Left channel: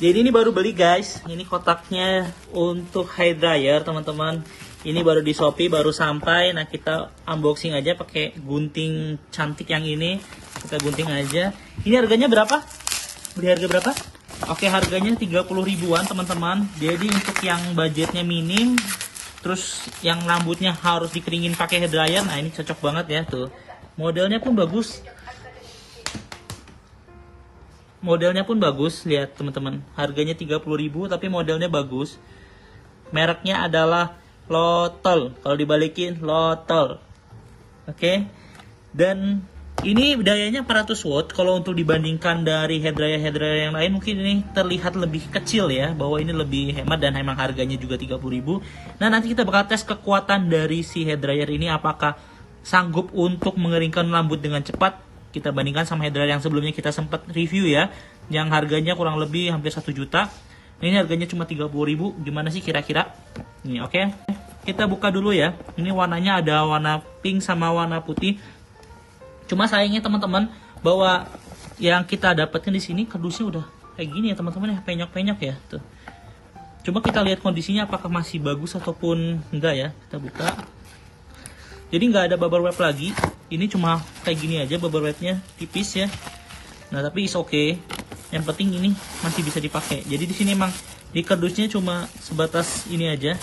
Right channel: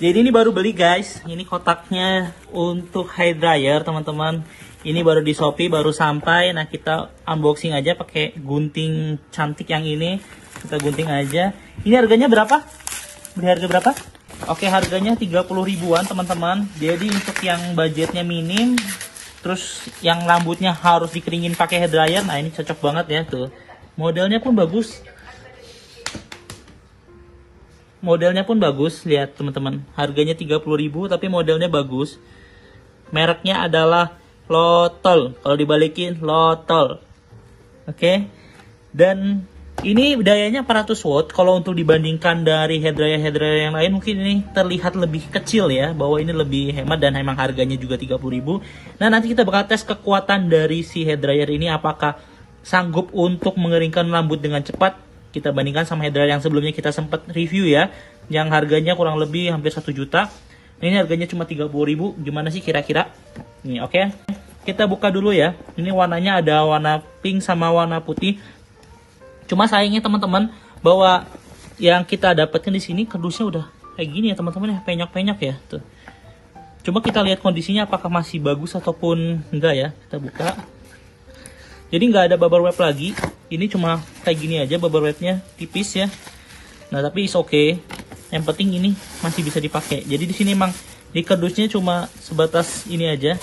Jadi ini baru beli guys, ini kotaknya untuk hair dryer teman-teman. Ini baru di Shopee, baru sampai. Nah kita unboxing aja pakai gunting cantik yang ini. Kita gunting aja. Ini harganya berapa? Beli harga berapa? Oke, harganya 30 ribuan teman-teman. Jadi untuk yang budgetnya minim, terus yang rambutnya harus dikeringin pakai hair dryer, nah ini cocok banget ya tuh. Modelnya pun bagus. Modelnya pun bagus, lihat teman-teman. Harganya 30.000 tapi modelnya bagus. Mereknya adalah Lotol. Kalau dibalikin Lotol. Oke. Dan ini dayanya 400 watt. Kalau untuk dibandingkan dari hair dryer yang lain mungkin ini terlihat lebih kecil ya, bahwa ini lebih hemat dan emang harganya juga 30.000. Nah, nanti kita bakal tes kekuatan dari si hair dryer ini apakah sanggup untuk mengeringkan rambut dengan cepat. Kita bandingkan sama hair dryer yang sebelumnya kita sempat review ya, yang harganya kurang lebih hampir 1 juta. Ini harganya cuma 30.000. Gimana sih kira-kira? Nih, oke. Kita buka dulu ya. Ini warnanya ada warna pink sama warna putih. Cuma sayangnya teman-teman bahwa yang kita dapetin di sini kardusnya udah kayak gini ya teman-teman, ya penyok-penyok ya tuh. Coba kita lihat kondisinya apakah masih bagus ataupun enggak ya. Kita buka. Jadi nggak ada bubble wrap lagi. Ini cuma kayak gini aja bubble wrapnya, tipis ya. Nah tapi is okay. Yang penting ini masih bisa dipakai. Jadi di sini emang di kardusnya cuma sebatas ini aja,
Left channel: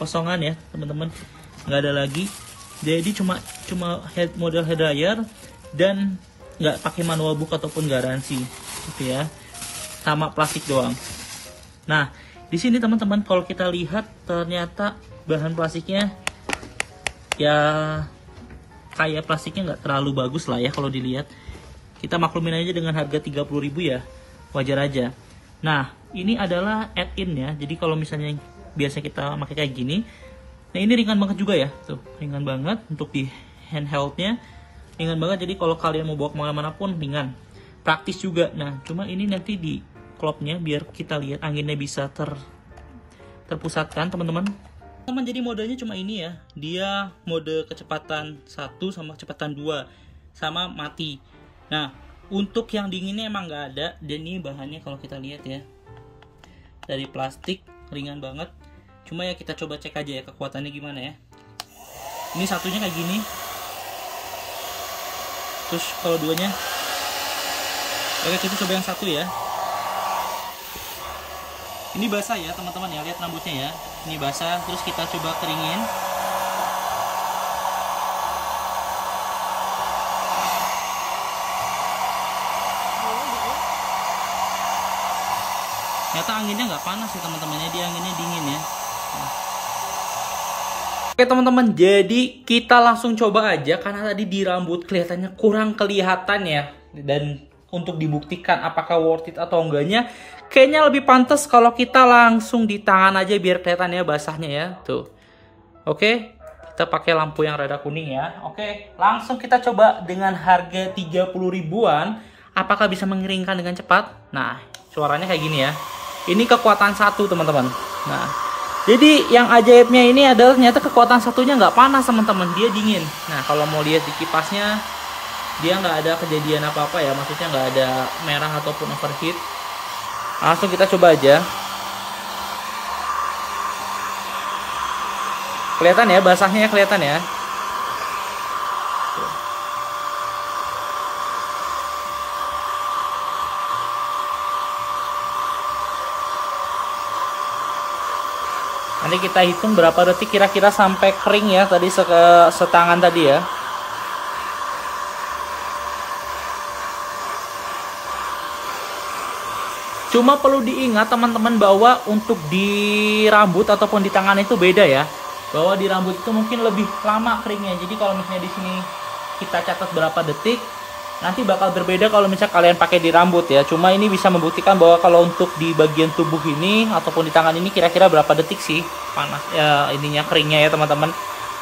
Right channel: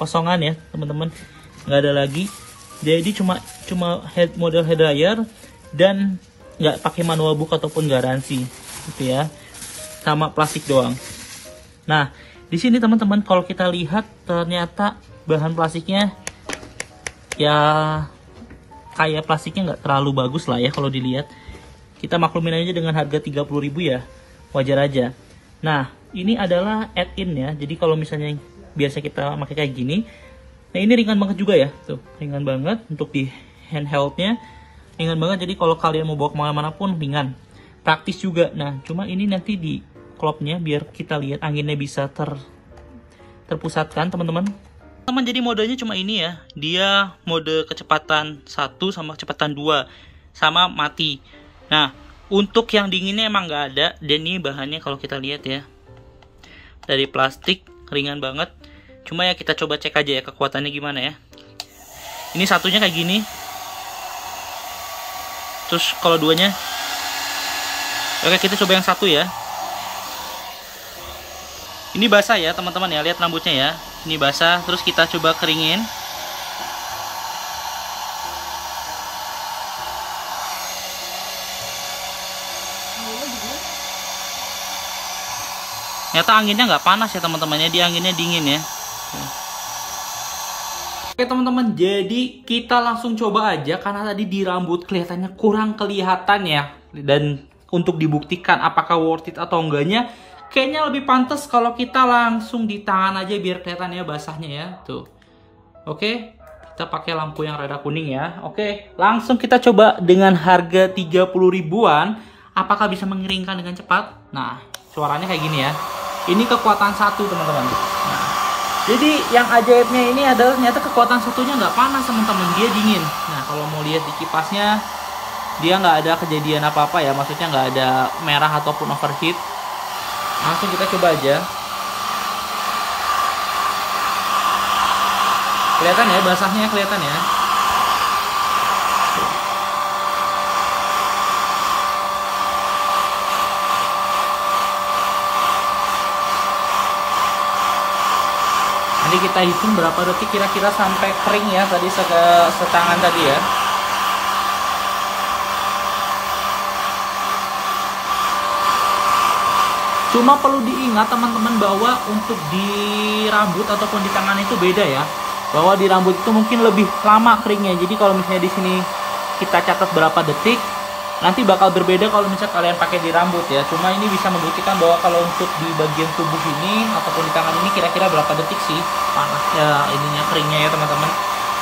kosongan ya teman-teman. Nggak ada lagi. Jadi cuma model hair dryer dan nggak pakai manual book ataupun garansi, gitu ya. Sama plastik doang. Nah di sini teman-teman kalau kita lihat ternyata bahan plastiknya ya kayak plastiknya nggak terlalu bagus lah ya kalau dilihat. Kita maklumin aja dengan harga 30.000 ya, wajar aja. Nah ini adalah add-in ya, jadi kalau misalnya biasa kita pakai kayak gini, nah ini ringan banget juga ya, tuh ringan banget untuk di handheldnya, ringan banget. Jadi kalau kalian mau bawa kemana-mana pun ringan, praktis juga. Nah cuma ini nanti di klopnya biar kita lihat anginnya bisa terpusatkan teman-teman. Jadi modenya cuma ini ya, dia mode kecepatan 1 sama kecepatan 2 sama mati. Nah untuk yang dinginnya emang nggak ada, dan ini bahannya kalau kita lihat ya dari plastik, ringan banget. Cuma ya kita coba cek aja ya kekuatannya gimana ya. Ini satunya kayak gini, terus kalau duanya, oke kita coba yang satu ya. Ini basah ya teman-teman ya, lihat rambutnya ya. Ini basah, terus kita coba keringin. Ternyata anginnya nggak panas ya teman-temannya, dia anginnya dingin ya. Oke teman-teman, jadi kita langsung coba aja karena tadi di rambut kelihatannya kurang kelihatan ya. Dan untuk dibuktikan apakah worth it atau enggaknya, kayaknya lebih pantas kalau kita langsung di tangan aja biar kelihatan ya basahnya ya. Tuh. Oke, kita pakai lampu yang rada kuning ya. Oke, langsung kita coba dengan harga 30 ribuan. Apakah bisa mengeringkan dengan cepat? Nah, suaranya kayak gini ya. Ini kekuatan 1 teman-teman. Nah, jadi yang ajaibnya ini adalah ternyata kekuatan 1-nya nggak panas teman-teman. Dia dingin. Nah, kalau mau lihat di kipasnya, dia nggak ada kejadian apa-apa ya. Maksudnya nggak ada merah ataupun overheat. Langsung kita coba aja. Kelihatan ya basahnya, kelihatan ya. Nanti kita hitung berapa detik kira-kira sampai kering ya, tadi setangan tadi ya. Cuma perlu diingat teman-teman bahwa untuk di rambut ataupun di tangan itu beda ya. Bahwa di rambut itu mungkin lebih lama keringnya. Jadi kalau misalnya di sini kita catat berapa detik, nanti bakal berbeda kalau misalnya kalian pakai di rambut ya. Cuma ini bisa membuktikan bahwa kalau untuk di bagian tubuh ini ataupun di tangan ini kira-kira berapa detik sih panas ya ininya, keringnya ya teman-teman.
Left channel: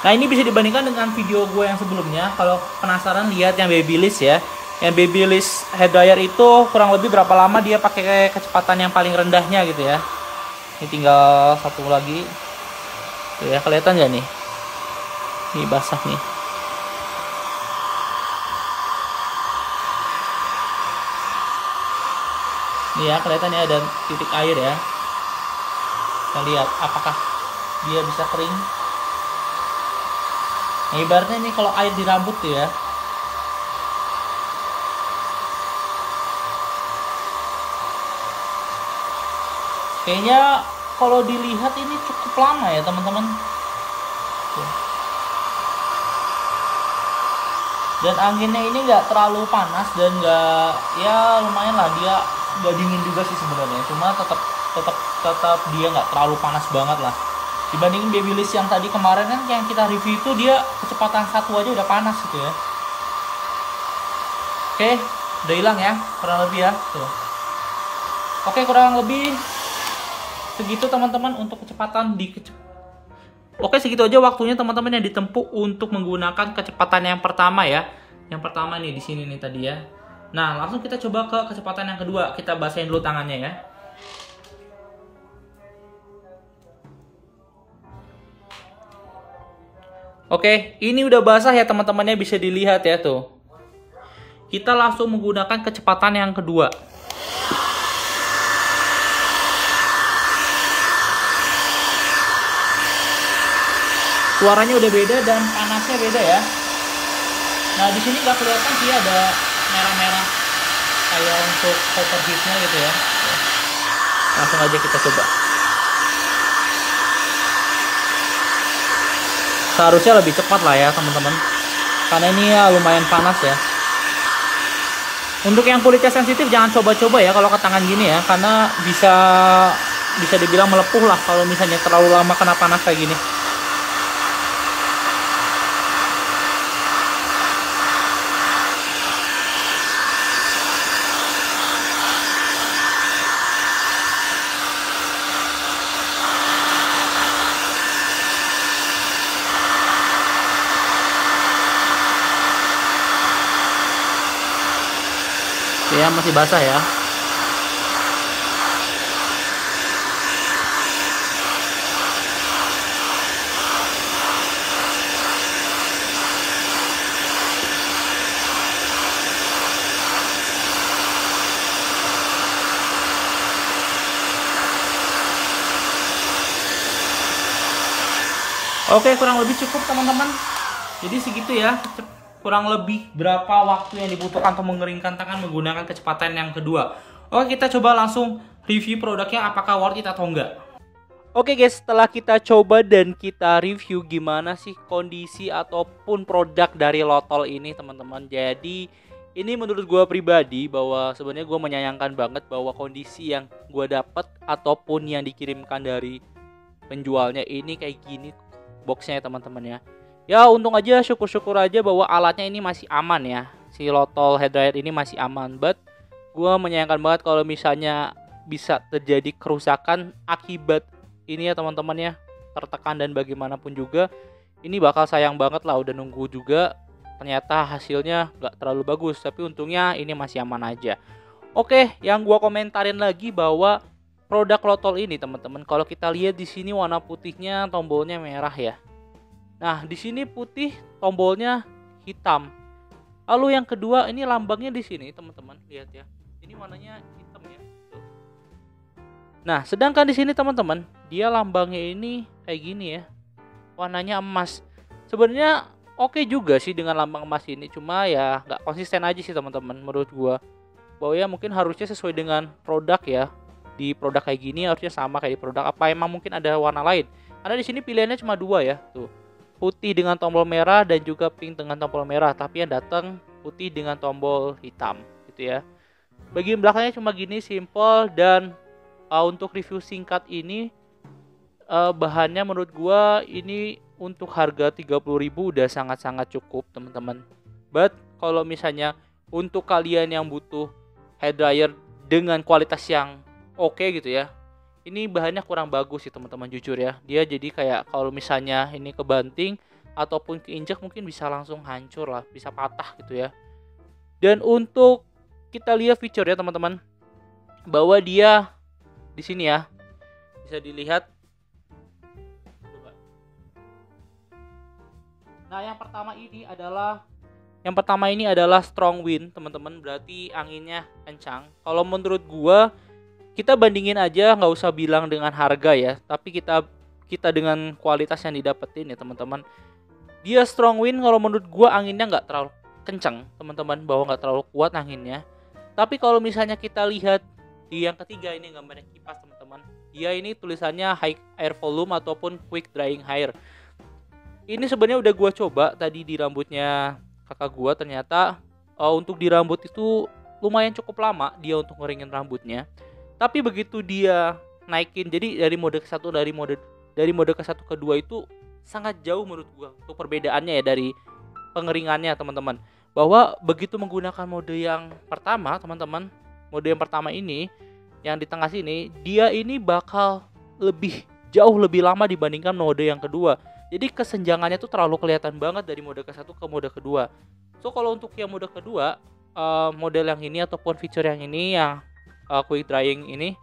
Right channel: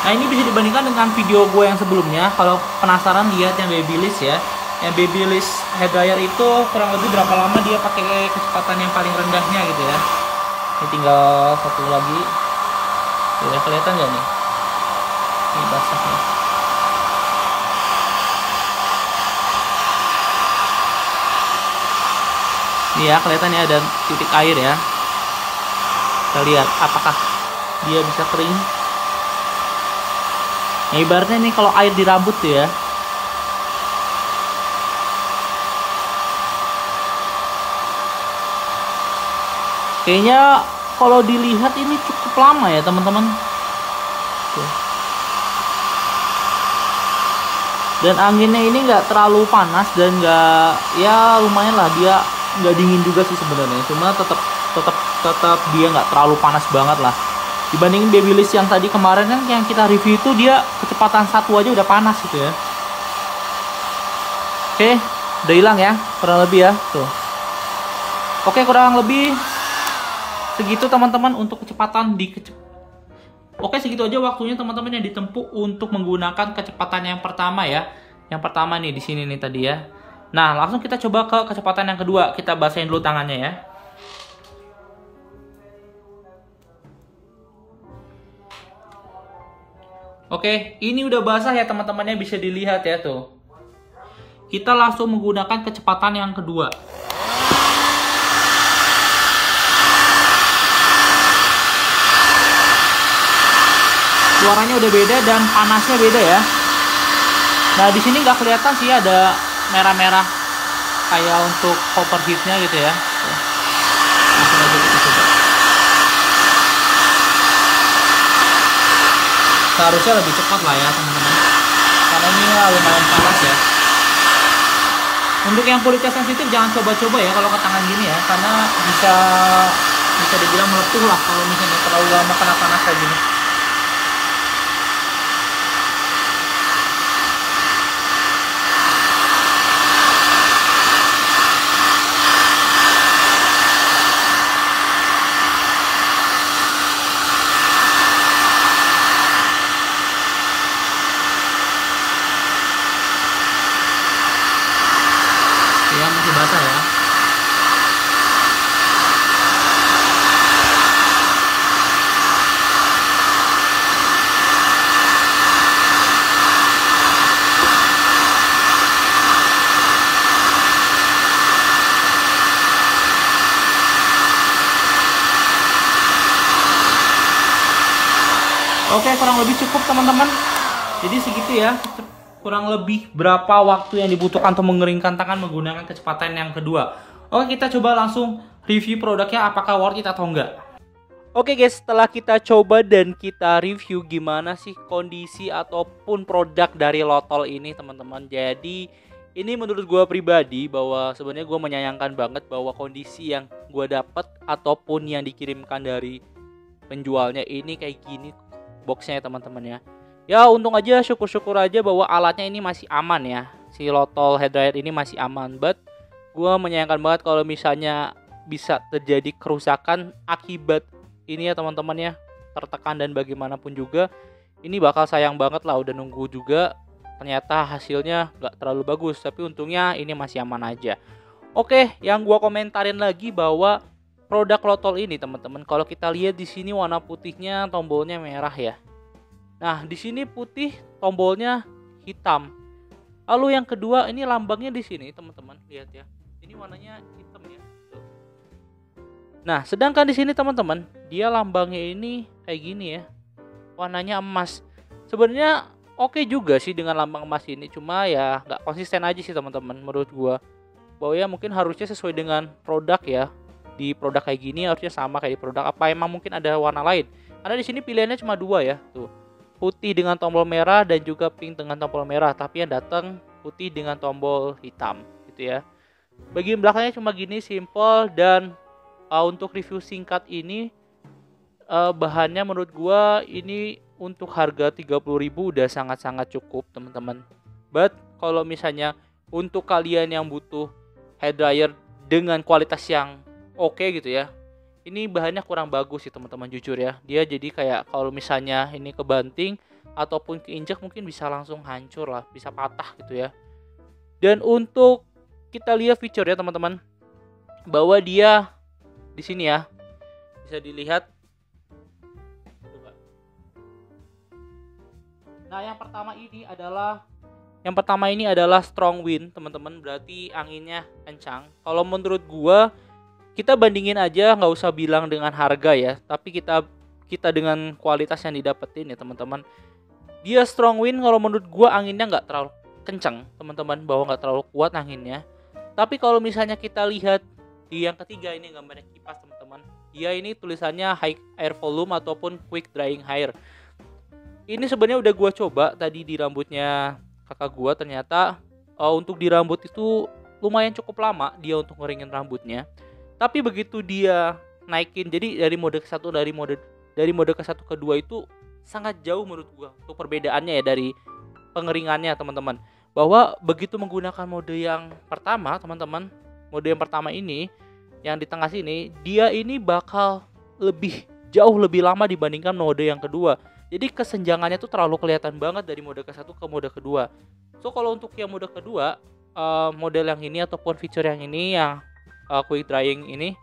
Nah ini bisa dibandingkan dengan video gue yang sebelumnya. Kalau penasaran lihat yang Babyliss ya. Yang Babyliss hair dryer itu kurang lebih berapa lama dia pakai kecepatan yang paling rendahnya gitu ya. Ini tinggal satu lagi. Ya kelihatan nggak nih? Ini basah nih. Nih ya, kelihatan ya ada titik air ya. Kita lihat apakah dia bisa kering. Nah, ibaratnya nih kalau air di rambut tuh ya. Kayaknya kalau dilihat ini cukup lama ya teman-teman. Dan anginnya ini nggak terlalu panas dan nggak, ya lumayan lah, dia nggak dingin juga sih sebenarnya. Cuma tetap dia nggak terlalu panas banget lah. Dibandingin Babyliss yang tadi kemarin kan yang kita review itu dia kecepatan 1 aja udah panas gitu ya. Oke, udah hilang ya kurang lebih ya tuh. Oke, kurang lebih segitu teman-teman untuk kecepatan Oke, segitu aja waktunya teman-teman yang ditempuh untuk menggunakan kecepatan yang pertama ya. Yang pertama nih di sini nih tadi ya. Nah, langsung kita coba ke kecepatan yang kedua. Kita basahin dulu tangannya ya. Oke, ini udah basah ya teman-temannya, bisa dilihat ya tuh. Kita langsung menggunakan kecepatan yang kedua. Suaranya udah beda dan panasnya beda ya. Nah, di sini nggak kelihatan sih ada merah-merah kayak untuk overheatnya gitu ya. Langsung aja kita coba. Seharusnya lebih cepat lah ya teman-teman, karena ini lumayan panas ya. Untuk yang kulitnya sensitif jangan coba-coba ya kalau ke tangan gini ya, karena bisa dibilang melepuh lah kalau misalnya terlalu lama kena panas kayak gini. Ya, masih basah ya. Oke, kurang lebih cukup teman-teman. Jadi segitu ya, kurang lebih berapa waktu yang dibutuhkan untuk mengeringkan tangan menggunakan kecepatan yang kedua. Oke, kita coba langsung review produknya apakah worth it atau enggak. Oke guys, setelah kita coba dan kita review gimana sih kondisi ataupun produk dari Lotol ini teman-teman. Jadi ini menurut gue pribadi bahwa sebenarnya gue menyayangkan banget bahwa kondisi yang gue dapat ataupun yang dikirimkan dari penjualnya ini kayak gini boxnya ya teman-teman ya. Ya untung aja, syukur-syukur aja bahwa alatnya ini masih aman ya. Si Lotol Hair Dryer ini masih aman. But gue menyayangkan banget kalau misalnya bisa terjadi kerusakan akibat ini ya teman-teman ya. Tertekan dan bagaimanapun juga ini bakal sayang banget lah, udah nunggu juga ternyata hasilnya gak terlalu bagus. Tapi untungnya ini masih aman aja. Oke, yang gue komentarin lagi bahwa produk Lotol ini teman-teman, kalau kita lihat di sini warna putihnya tombolnya merah ya. Nah, di sini putih, tombolnya hitam. Lalu yang kedua, ini lambangnya di sini, teman-teman. Lihat ya. Ini warnanya hitam ya. Tuh. Nah, sedangkan di sini teman-teman, dia lambangnya ini kayak gini ya. Warnanya emas. Sebenarnya oke juga sih dengan lambang emas ini, cuma ya nggak konsisten aja sih teman-teman menurut gua. Bahwa ya mungkin harusnya sesuai dengan produk ya. Di produk kayak gini harusnya sama kayak di produk, apa emang mungkin ada warna lain? Karena di sini pilihannya cuma 2 ya, tuh. Putih dengan tombol merah dan juga pink dengan tombol merah, tapi yang datang putih dengan tombol hitam gitu ya. Bagian belakangnya cuma gini, simple. Dan untuk review singkat ini bahannya menurut gua ini untuk harga 30.000 udah sangat-sangat cukup teman-teman. But kalau misalnya untuk kalian yang butuh hair dryer dengan kualitas yang oke gitu ya, ini bahannya kurang bagus sih teman-teman, jujur ya. Dia jadi kayak kalau misalnya ini kebanting ataupun keinjek mungkin bisa langsung hancur lah, bisa patah gitu ya. Dan untuk kita lihat fitur ya teman-teman, bahwa dia di sini ya bisa dilihat. Coba. Nah, yang pertama ini adalah Yang pertama ini adalah strong wind, teman-teman, berarti anginnya kencang. Kalau menurut gua, kita bandingin aja, nggak usah bilang dengan harga ya, tapi kita dengan kualitas yang didapetin ya teman-teman. Dia strong wind, kalau menurut gua anginnya nggak terlalu kencang, teman-teman, bahwa nggak terlalu kuat anginnya. Tapi kalau misalnya kita lihat di yang ketiga ini gambarnya kipas, teman-teman, dia ini tulisannya high air volume ataupun quick drying hair. Ini sebenarnya udah gua coba tadi di rambutnya kakak gua, ternyata untuk di rambut itu lumayan cukup lama dia untuk ngeringin rambutnya. Tapi begitu dia naikin, jadi dari mode ke satu, dari mode ke satu ke dua itu sangat jauh menurut gua untuk perbedaannya ya dari pengeringannya, teman-teman. Bahwa begitu menggunakan mode yang pertama, teman-teman, mode yang pertama ini yang di tengah sini, dia ini bakal jauh lebih lama dibandingkan mode yang kedua. Jadi kesenjangannya tuh terlalu kelihatan banget dari mode ke satu ke mode kedua. So kalau untuk yang mode kedua, model yang ini ataupun fitur yang ini, yang quick drying ini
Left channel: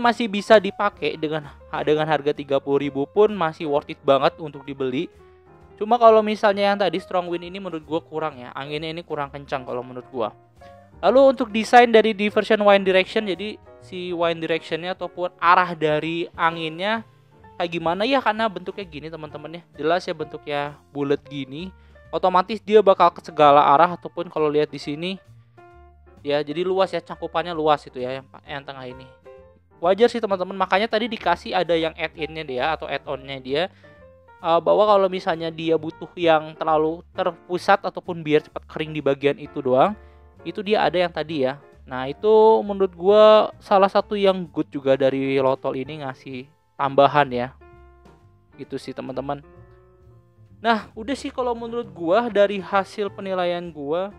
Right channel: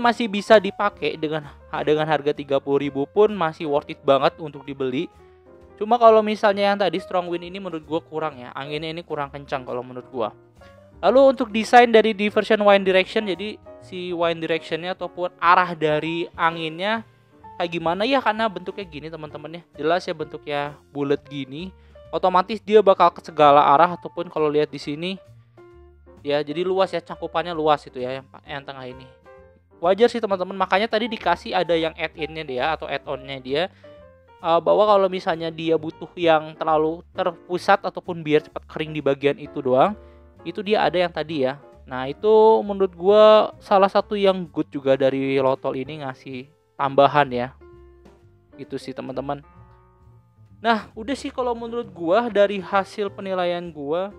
masih bisa dipakai dengan harga 30.000 pun masih worth it banget untuk dibeli. Cuma kalau misalnya yang tadi strong wind ini menurut gua kurang ya, anginnya ini kurang kencang kalau menurut gua. Lalu untuk desain dari diversion wind direction, jadi si wind directionnya ataupun arah dari anginnya kayak gimana ya, karena bentuknya gini teman-teman ya, jelas ya bentuknya bulat gini, otomatis dia bakal ke segala arah. Ataupun kalau lihat di sini ya, jadi luas ya, cakupannya luas itu ya yang tengah ini. Wajar sih teman-teman, makanya tadi dikasih ada yang add-in-nya dia atau add-on-nya dia, bahwa kalau misalnya dia butuh yang terlalu terpusat ataupun biar cepat kering di bagian itu doang, itu dia ada yang tadi ya. Nah itu menurut gue salah satu yang good juga dari Lotol ini, ngasih tambahan ya, gitu sih teman-teman. Nah udah sih kalau menurut gue, dari hasil penilaian gue,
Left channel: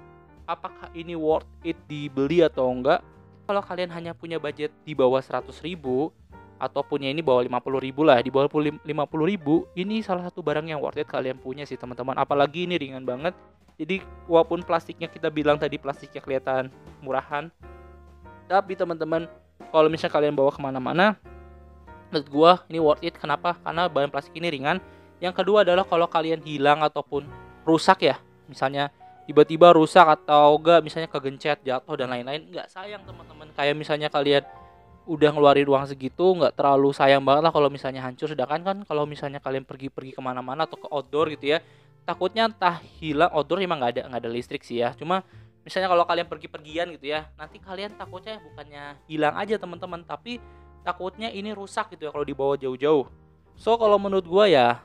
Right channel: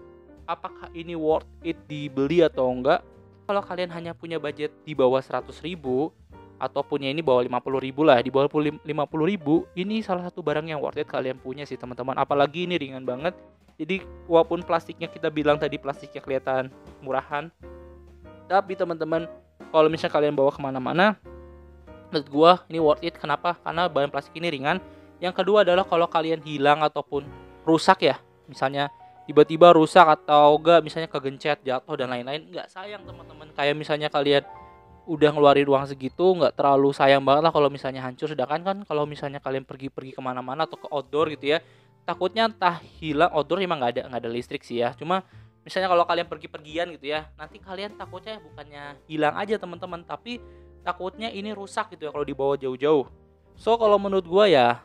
apakah ini worth it dibeli atau enggak. Kalau kalian hanya punya budget di bawah 100.000 atau punya ini bawah 50.000 lah, di bawah 50.000, ini salah satu barang yang worth it kalian punya sih teman-teman. Apalagi ini ringan banget. Jadi walaupun plastiknya kita bilang tadi plastiknya kelihatan murahan, tapi teman-teman kalau misalnya kalian bawa kemana-mana, menurut gua ini worth it. Kenapa? Karena bahan plastik ini ringan. Yang kedua adalah kalau kalian hilang ataupun rusak ya, misalnya tiba-tiba rusak atau enggak, misalnya kegencet, jatuh dan lain-lain, nggak sayang teman-teman. Kayak misalnya kalian udah ngeluarin uang segitu, nggak terlalu sayang banget lah kalau misalnya hancur. Sedangkan kan kalau misalnya kalian pergi kemana-mana atau ke outdoor gitu ya, takutnya entah hilang. Outdoor emang nggak ada listrik sih ya, cuma misalnya kalau kalian pergi-pergian gitu ya, nanti kalian takutnya bukannya hilang aja teman-teman, tapi takutnya ini rusak gitu ya kalau dibawa jauh-jauh. So kalau menurut gua ya,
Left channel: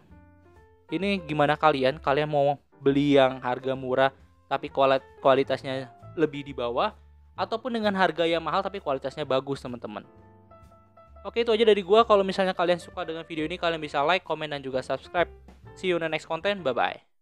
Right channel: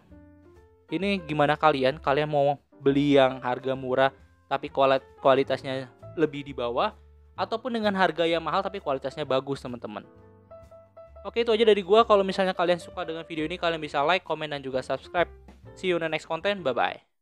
ini gimana kalian mau beli yang harga murah tapi kualitasnya lebih di bawah, ataupun dengan harga yang mahal tapi kualitasnya bagus teman-teman. Oke, itu aja dari gua. Kalau misalnya kalian suka dengan video ini, kalian bisa like, comment, dan juga subscribe. See you in the next content. Bye bye.